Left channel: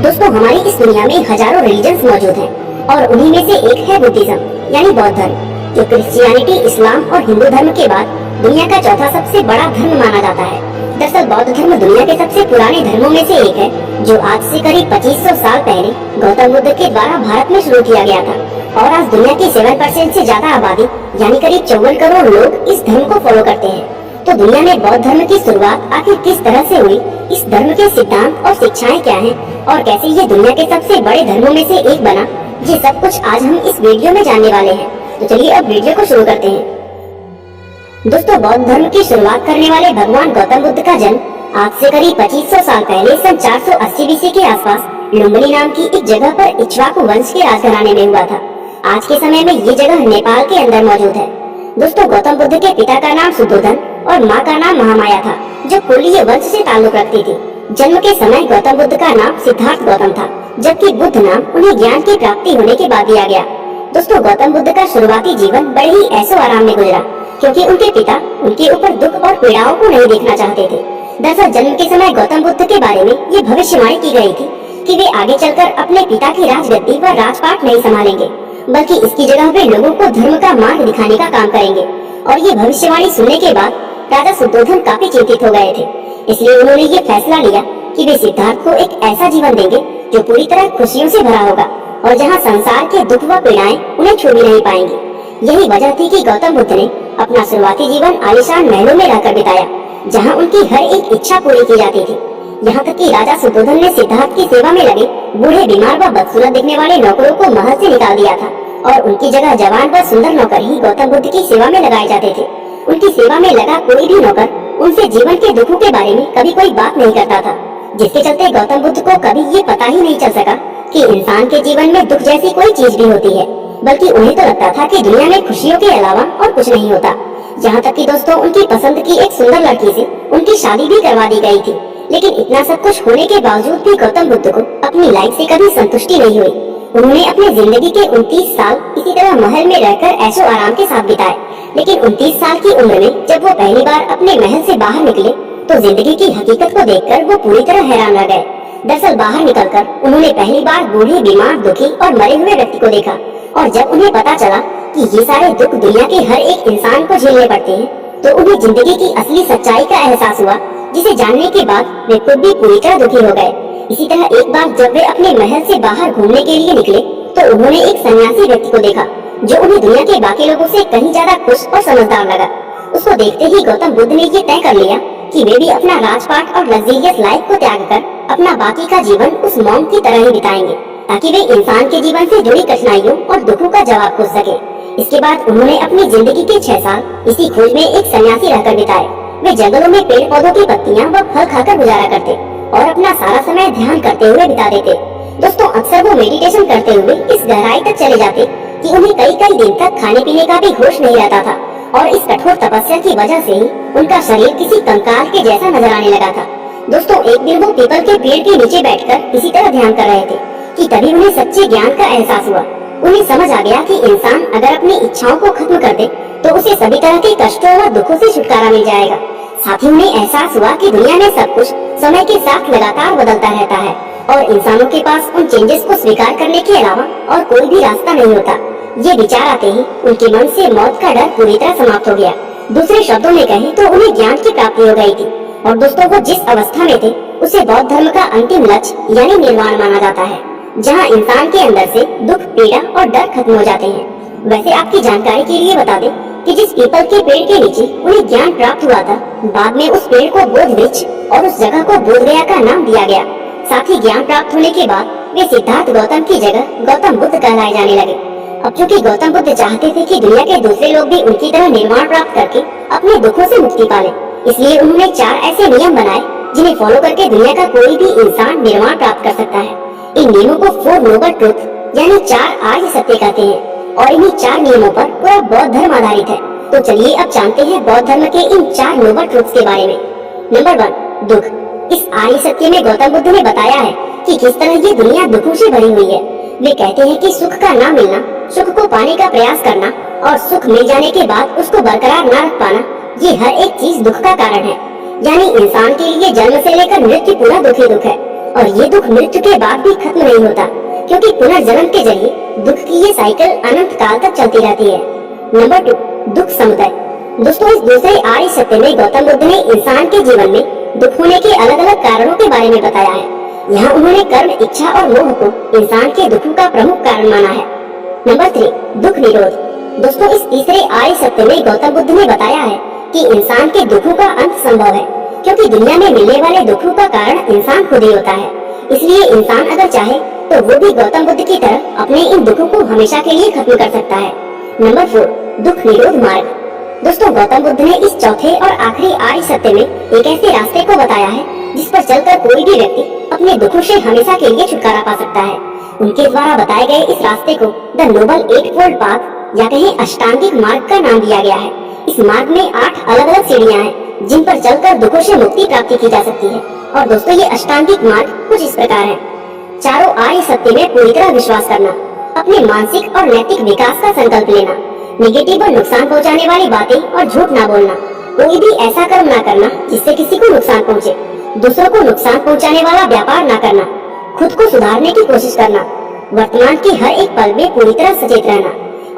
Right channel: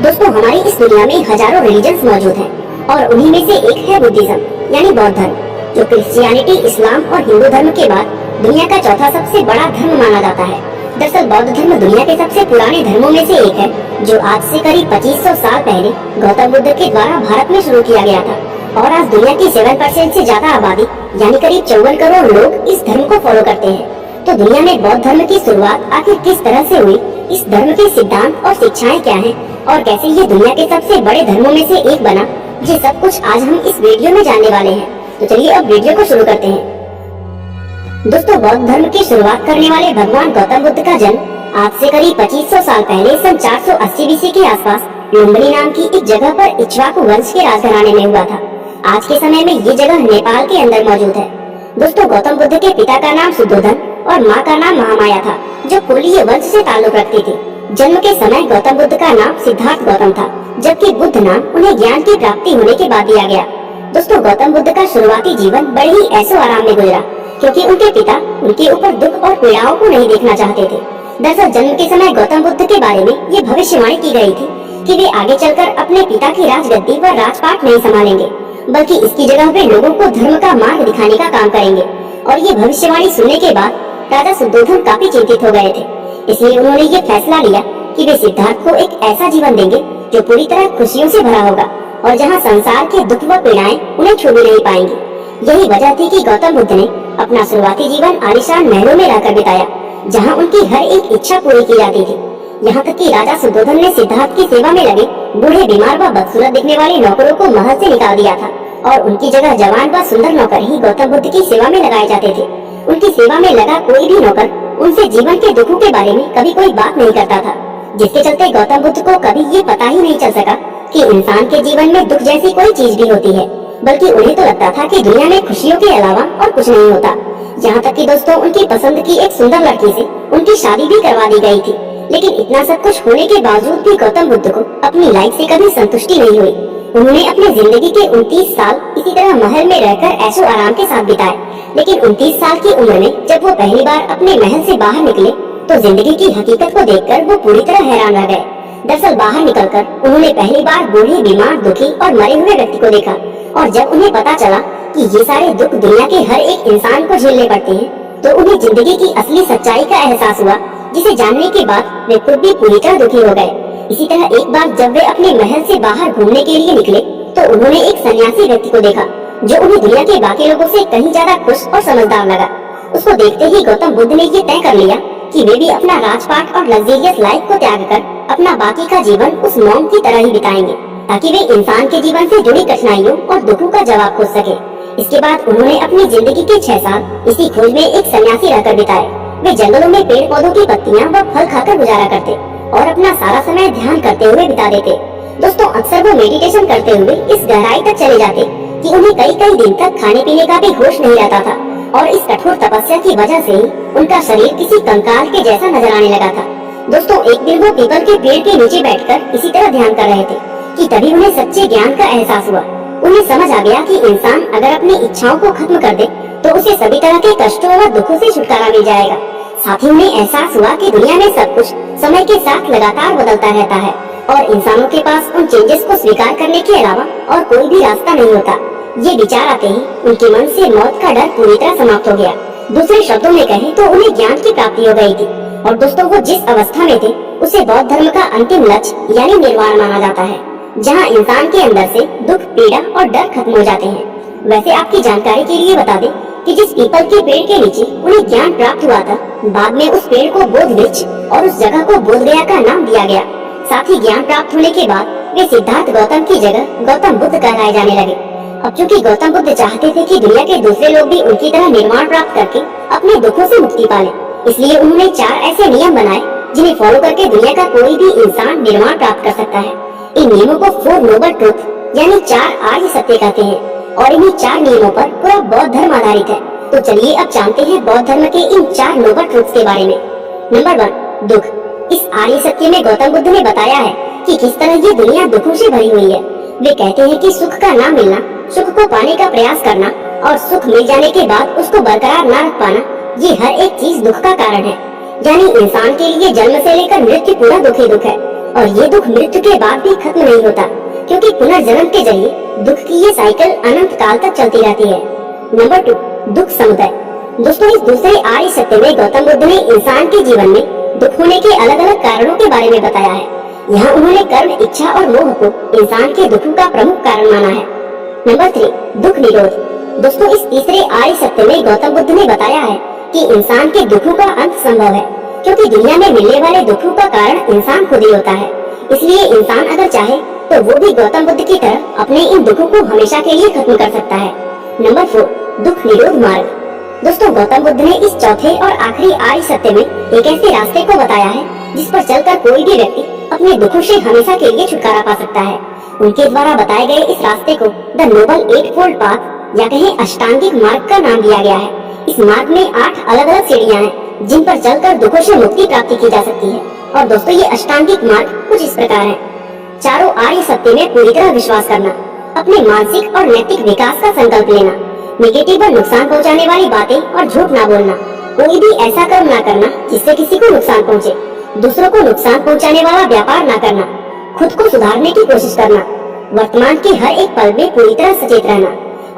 दोस्तों, हमारी इस दुनिया में हजारों रिलीजन्स मौजूद हैं और उन्हीं में से एक है बुद्धिज्म यानी बौद्ध धर्म, जो क्रिश्चियनिटी, इस्लाम और हिंदू धर्म के बाद दुनिया का चौथा सबसे बड़ा धर्म माना जाता है। दरअसल बौद्ध धर्म दुनिया के सबसे पुराने धर्मों में से एक है, जो आज से करीब 2500 साल पहले गौतम बुद्ध के द्वारा भारत में शुरू किया गया था और आज दुनिया की 7% से ज्यादा आबादी यानी करीब 54 करोड़ लोग इस धर्म को फॉलो करते हैं। तो दुनिया में बौद्ध धर्म की शुरुआत आखिर किस तरह से हुई, इस धर्म के सिद्धांत और शिक्षाएं क्या हैं और कैसे ये दुनिया के सबसे बड़े धर्मों में से एक बना, ये सब कुछ आज हम इस वीडियो में जानने वाले हैं। तो चलिए अब वीडियो को शुरू करते हैं। दोस्तों, बौद्ध धर्म की शुरुआत करने वाले भगवान गौतम बुद्ध का जन्म आज से करीब 2500 साल पहले सन 480 बीसी के आसपास लुम्बिनी नाम की एक जगह पर इक्ष्वाकु वंश के राजघराने में हुआ था। आज के समय में ये जगह नेपाल के अंदर मौजूद है। दोस्तों, गौतम बुद्ध के पिता का नाम शुद्धोधन और माँ का नाम महामाया था, जो कुलीय वंश से ताल्लुक रखती थी। जन्म के समय गौतम बुद्ध का नाम सिद्धार्थ गौतम था, जबकि बुद्ध नाम उन्हें ज्ञान की प्राप्ति होने के बाद दिया गया। दोस्तों, गौतम बुद्ध का शुरुआती जीवन बड़े ही ऐशो आराम में गुजरा, क्योंकि उनके पिता उनके ऊपर दुख और पीड़ाओं को नहीं देखना चाहते थे। दरअसल जन्म के समय गौतम बुद्ध के बारे में ये भविष्यवाणी की गई थी कि वे आगे चलकर अपने पिता की राजगद्दी व राजपाट नहीं संभालेंगे, बल्कि इसकी जगह वे लोगों को धर्म का मार्ग दिखाने का काम करेंगे। और ये भविष्यवाणी सुनने के बाद राजा शुद्धोधन काफी चिंतित हो गए थे। इसलिए उन्होंने ये फैसला लिया कि वे सिद्धार्थ को एक ऐसा जीवन देंगे जो पूरी तरह खुशियों से भरा होगा और जहाँ संसार के दुख व पीड़ाएं उन्हें छू भी नहीं पाएंगी। यही वजह थी कि गौतम बुद्ध ने अपना शुरुआती जीवन आलीशान महलों में रहकर बिताया, जहाँ उनकी हर एक इच्छा पूरी की जाती थी। यहाँ तक कि राजा शुद्धोधन ने सिद्धार्थ की सेवा में लगे बूढ़े, बीमार व बदसूरत दिखने वाले नौकरों को महल से निकाल दिया था और उनकी जगह जवान व सुंदर नौकर ही गौतम बुद्ध की सेवा में लगाए जाते थे। उनकी सेवा में लगा कोई भी नौकर उनसे जीवन के दुखों के बारे में कभी कोई बात नहीं करता था, जिसके चलते गौतम बुद्ध को कभी ये पता ही नहीं चल सका कि इंसान के जीवन में दुख जैसी कोई चीज भी होती है, बल्कि उन्हें तो लगता था कि दुनिया में खुशियों के अलावा और कुछ नहीं होता। यहाँ तक कि दोस्तों, उनकी पसंद की एक सुंदर लड़की से उनकी शादी भी करवा दी गई थी। लेकिन इतना सब कुछ होने के बावजूद भी गौतम बुद्ध को अपनी लाइफ से कभी संतुष्टि नहीं हुई। उन्होंने अपने जिंदगी के 29 साल इसी तरह महल में रहकर ऐशो आराम के साथ बिताए। लेकिन 29 साल की उम्र में जब वो पहली बार अपने महल से बाहर निकले तो जिंदगी की हकीकत को देखकर वो पूरी तरह हैरान रह गए। दरअसल बाहर निकलकर उन्होंने पहली बार बूढ़े, बीमार, दुखी और मरे हुए व्यक्ति को देखा और जब उन्हें पता चला कि ये सारे दुख दुनिया के हर एक इंसान को झेलने पड़ते हैं, तो उन्हें जिंदगी की असली सच्चाई का एहसास हुआ, जिसे जानने के बाद वे खुद भी पूरी तरह दुखी हो गए। इसी तरह एक बार जब वे अपने महल से बाहर घूमने के लिए निकले तो उन्होंने एक सन्यासी व्यक्ति को देखा, जो उन्हें दुनिया के बाकी लोगों से कहीं ज्यादा खुश और समझदार लगा। उसको देखते ही गौतम बुद्ध ने ये तय कर लिया कि वे भी अपना राजपाट और लग्जरियस लाइफ को त्याग कर अपना बाकी का जीवन उस मॉन्क की तरह ही बिताएंगे, ताकि वे इंसान के जीवन से जुड़ी कठिनाइयों और दुखों का जवाब खोज सके। इसके बाद उन्होंने अपनी जिंदगी के 6 साल इसी खोज में एक सन्यासी रहकर बिताए। वे जंगलों में पेड़ पौधों की पत्तियां व फल खाकर गुजारा करते और अपना सारा समय ध्यान करते हुए बिता देते। दोस्तों, अक्सर वो मेडिटेशन करते हुए इस गहराई तक चले जाते कि उन्हें कई कई दिन तक खाने पीने का भी होश नहीं रहता था और इस कठोर तपस्या की वजह से ही उनका शरीर किसी कंकाल के जैसा नजर आने लगा था। दोस्तों, एक दिन वो पीपल के पेड़ के नीचे बैठकर इसी तरह ध्यान कर रहे थे कि तभी उन्हें सच्चे ज्ञान का एहसास हुआ। उन्हें समझ आ गया कि इंसान अगर अपनी इच्छाओं को खत्म कर दे तो उसे सभी तरह के कष्टों व दुखों से छुटकारा मिल जाएगा। साथ ही उन्हें एहसास हुआ कि दुनिया में सब कुछ समय के साथ लगातार बदलता रहता है और इंसानों के पास उन चेंजेस को स्वीकार करने के अलावा और कोई भी रास्ता नहीं होता। ये विचार आते ही उनके मन से मौत का डर पूरी तरह समाप्त हो गया। दूसरे शब्दों में कहें तो उन्हें ज्ञान की प्राप्ति हो गई थी। और दोस्तों, वो जिस अवस्था में थे उसे बौद्ध धर्म का अंतिम लक्ष्य यानी निर्वाण माना जाता है, जहाँ इंसान के अंदर से दुख, पीड़ा और डर खत्म हो जाते हैं। वैसे आपकी जानकारी के लिए बता दें कि जिस पीपल के पेड़ के नीचे उन्हें ज्ञान प्राप्त हुआ था, बाद में उस पेड़ को बोध वृक्ष और उस जगह को बोध गया का नाम दिया गया। साथ ही ज्ञान प्राप्त होने के बाद वे सिद्धार्थ गौतम की जगह गौतम बुद्ध कहलाए जाने लगे। अब चूंकि गौतम बुद्ध चाहते थे कि दुनिया के दूसरे लोग भी उनकी तरह निर्वाण प्राप्त करके अपने दुखों से मुक्ति पालें, इसलिए उन्होंने 4 ऐसे नियम बनाए जिन्हें फॉलो करके दुनिया का कोई भी इंसान निर्वाण प्राप्त कर सकता है। इन नियमों को 4 नोबल ट्रुथ यानी 4 आर्य सत्य कहते हैं और इन्हीं 4 नियमों पर पूरा बौद्ध धर्म आधारित है। तो चलिए अब जानते हैं बौद्ध धर्म के इन 4 नोबल ट्रुथ्स के बारे में। नंबर 1, दुख। इस आर्य सत्य में गौतम बुद्ध ने बताया है कि किस तरह ये दुनिया दुखों से भरी हुई है। वे कहते हैं कि सुख का ना मिलना, सुख को पाने का प्रयास करना और सुख मिल जाने के बाद उसको बरकरार ना रख पाना, ये हर एक चीज दुख का कारण है। यानी इंसान के लिए जन्म से लेकर मृत्यु पूरा दुख ही दुख है और ये दुख मृत्यु के बाद भी खत्म नहीं होता, क्योंकि पुनर्जन्म के जरिए दुख की ये साइकिल अनंत काल तक चलती रहती है। नंबर 2, दुख समुदाय। दोस्तों, इस दूसरे आर्य सत्य में गौतम बुद्ध ने इंसान के जीवन में दुख होने के अलग अलग कारणों के बारे में बताया है। यहाँ उन्होंने कर्म, इच्छा और मोह को इंसान के दुखों का प्रमुख कारण माना है। नंबर 3, दुख निरोध। दोस्तों, इस तीसरे आर्य सत्य में गौतम बुद्ध ने बताया है कि इंसान के दुखों का अंत संभव है, क्योंकि दुनिया में मिलने वाले दुखों का कारण इंसान खुद ही होता है। इसलिए इंसान अगर चाहे तो वो भी गौतम बुद्ध की तरह अपने इन दुखों को हमेशा के लिए खत्म कर सकता है। नंबर 4, दुख निरोध मार्ग। दोस्तों, गौतम बुद्ध ने इस चौथे और आखिरी आर्य सत्य में एक ऐसे रास्ते को बताया है जिस पर चलकर कोई भी व्यक्ति अपने दुखों से हमेशा के लिए छुटकारा पा सकता है। उनके द्वारा बताए गए इस रास्ते को द नोबल 8-फोल्ड पाथ या कहें अष्टांगिक मार्ग का नाम दिया गया है। इस मार्ग में 8 अलग अलग सीढ़ियां हैं जिन पर चलकर दुखों से मुक्ति प्राप्ति की जा सकती है। और दोस्तों, ये अष्टांगिक मार्ग कुछ इस प्रकार है। चारों आर्य सत्य में पूरी तरह विश्वास करना, अपने मानसिक और नैतिक विकास का संकल्प लेना, नेगेटिव और नुकसान पहुंचाने वाली बातें और झूठ ना बोलना, कोई भी ऐसा कर्म ना करना जिससे किसी को नुकसान पहुंचे, दूसरों को नुकसान पहुंचाने वाला व्यापार ना करना, खुद को सुधारने की कोशिश करना, वर्तमान के हर एक पल में पूरी तरह सचेत रहना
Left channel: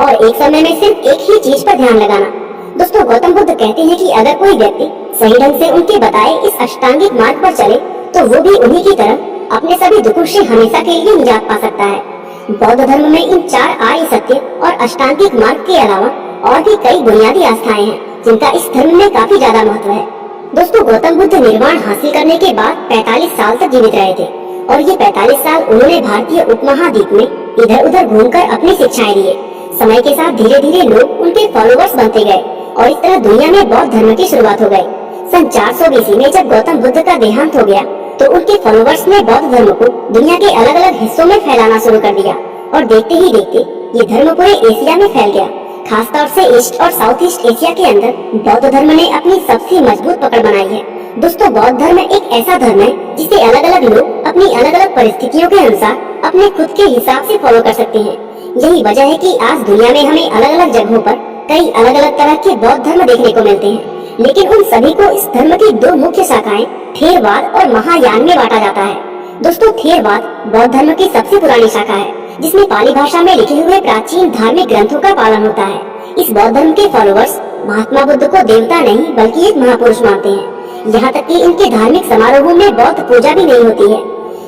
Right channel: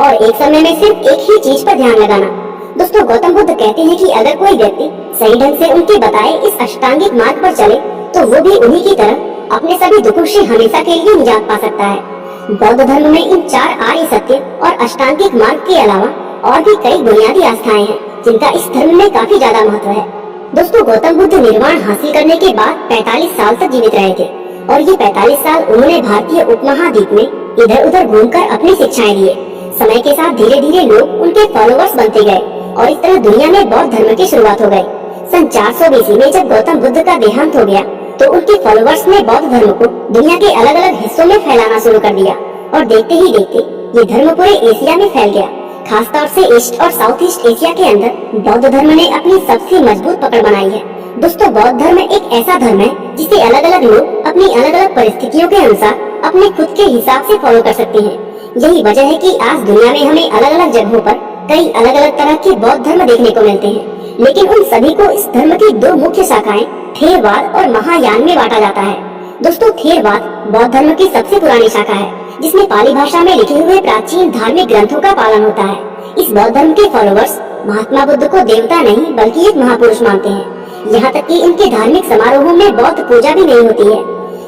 और एक समय में सिर्फ एक ही चीज पर ध्यान लगाना। दोस्तों, गौतम बुद्ध कहते हैं कि अगर कोई व्यक्ति सही ढंग से उनके बताए इस अष्टांगिक मार्ग पर चले तो वो भी उन्हीं की तरह अपने सभी दुखों से हमेशा के लिए निजात पा सकता है। बौद्ध धर्म में इन 4 आर्य सत्य और अष्टांगिक मार्ग के अलावा और भी कई बुनियादी आस्थाएं हैं जिनका इस धर्म में काफी ज्यादा महत्व है। दोस्तों, गौतम बुद्ध निर्वाण हासिल करने के बाद 45 साल तक जीवित रहे थे और ये 45 साल उन्होंने भारतीय उपमहाद्वीप में इधर उधर घूमकर अपनी शिक्षाएं दिए। समय के साथ धीरे धीरे लोग उनके फॉलोवर्स बनते गए और इस तरह दुनिया में बौद्ध धर्म की शुरुआत हो गई। सन 400 BC में जब गौतम बुद्ध का देहांत हो गया तो उनके फॉलोवर्स ने बौद्ध धर्म को दुनिया के अलग अलग हिस्सों में फैलाना शुरू कर दिया और देखते ही देखते ये धर्म पूरे एशिया में फैल गया। खासतौर से ईस्ट और साउथ ईस्ट एशिया के अंदर बौद्ध धर्म ने अपनी सबसे मजबूत पकड़ बनाई है। दोस्तों, बौद्ध धर्म एक ऐसा धर्म है जिसे अलग अलग लोग अपनी अलग अलग परिस्थितियों के अनुसार अपने खुद के हिसाब से फॉलो कर सकते हैं। यही वजह है कि आज दुनिया में हमें अलग अलग जगहों पर कई अलग अलग तरह के बौद्ध धर्म देखने को मिलते हैं, लेकिन उन सभी को इस धर्म की 2 मुख्य शाखाएं थेरवाद और महायान में बांटा जाता है। दोस्तों, थेरवाद बौद्ध धर्म की सबसे पुरानी शाखा है जिसमें पाली भाषा में लिखे हुए प्राचीन धार्मिक ग्रंथों का पालन होता है। इस बौद्ध धर्म के फॉलोवर्स महात्मा बुद्ध को देवता नहीं बल्कि एक महापुरुष मानते हैं। यहाँ तक कि इनके धार्मिक समारोहों में बौद्ध पूजा भी नहीं होती है।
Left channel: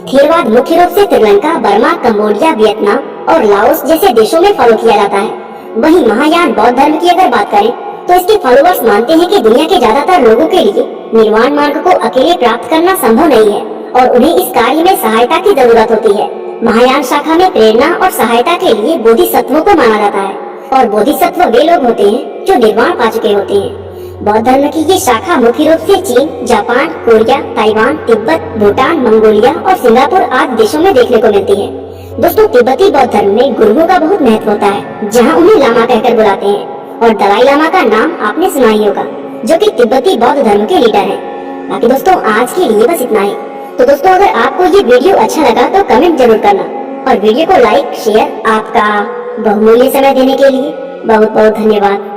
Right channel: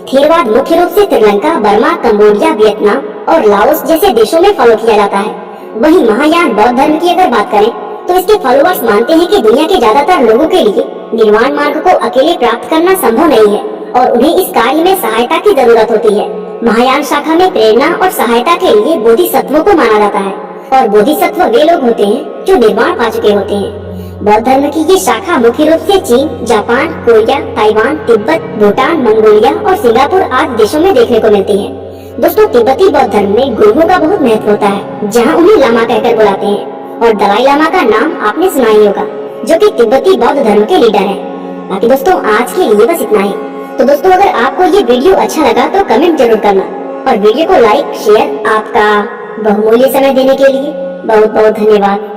थेरवाद मुख्य रूप से श्रीलंका, बर्मा, कंबोडिया, वियतनाम और लाओस जैसे देशों में फॉलो किया जाता है। वहीं महायान बौद्ध धर्म की अगर बात करें तो इसके फॉलोवर्स मानते हैं कि दुनिया के ज्यादातर लोगों के लिए निर्वाण मार्ग को अकेले प्राप्त करना संभव नहीं है और उन्हें इस कार्य में सहायता की जरूरत होती है। महायान शाखा में प्रेरणा और सहायता के लिए बोधिसत्वों को माना जाता है और बोधिसत्व वे लोग होते हैं जो निर्वाण पा चुके होते हैं। बौद्ध धर्म की ये शाखा मुख्य रूप से चीन, Japan, Korea, Taiwan, Tibet, Bhutan, Mongolia और सिंगापुर आदि देशों में देखने को मिलती है। दोस्तों, तिब्बती बौद्ध धर्म में गुरुओं का बहुत महत्व होता है, जहाँ उन्हें लामा कहकर बुलाते हैं और दलाई लामा का नाम आपने सुना ही होगा, जो कि तिब्बती बौद्ध धर्म के लीडर हैं। बाकी दोस्तों, आज के लिए बस इतना ही। तो दोस्तों, अगर आपको ये वीडियो अच्छा लगा तो कमेंट जरूर करना और वीडियो को लाइक शेयर। आपका बहुमूल्य समय देने के लिए बहुत बहुत धन्यवाद।